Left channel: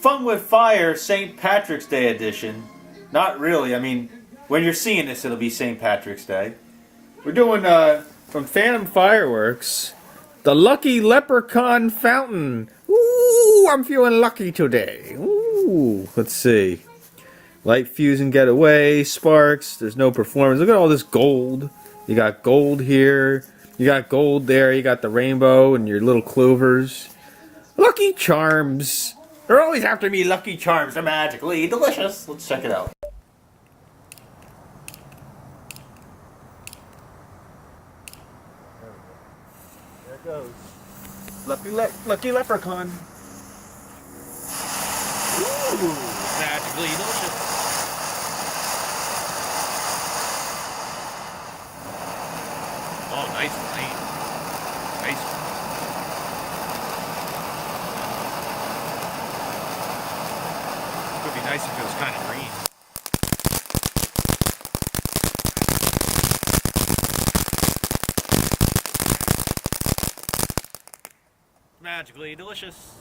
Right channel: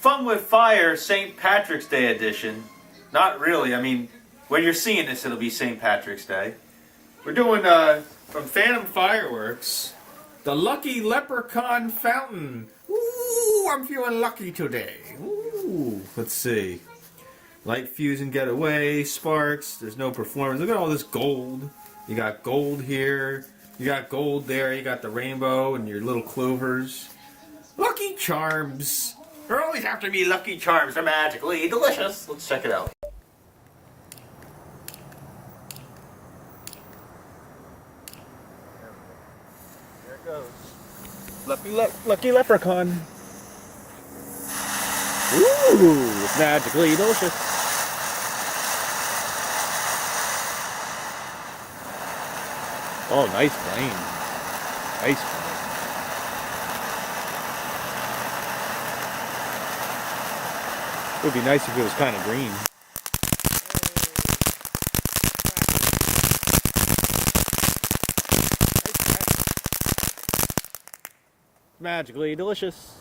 Fun with Fire St. Patrick's Day edition. Not really. I mean, when you're seeing this, it'll be St. Patrick's Day. We're doing, from Phantom Fireworks, the Lucky Leprechaun Fountain. Ooh, I'm feeling lucky today. Ooh, let's see. Light fuse and get away, sparks, there's no performance. Look at all this gold. You got gold here, you got gold there, you got the rainbow and your little clovers. Lucky Charms. They're always after me, Lucky Charms. They're magically delicious. Let's check it out. There it goes. Lucky Leprechaun. Ooh, it's magically delicious. Oh, nice green. Nice. It would be nice if it was kind of green. Magically delicious.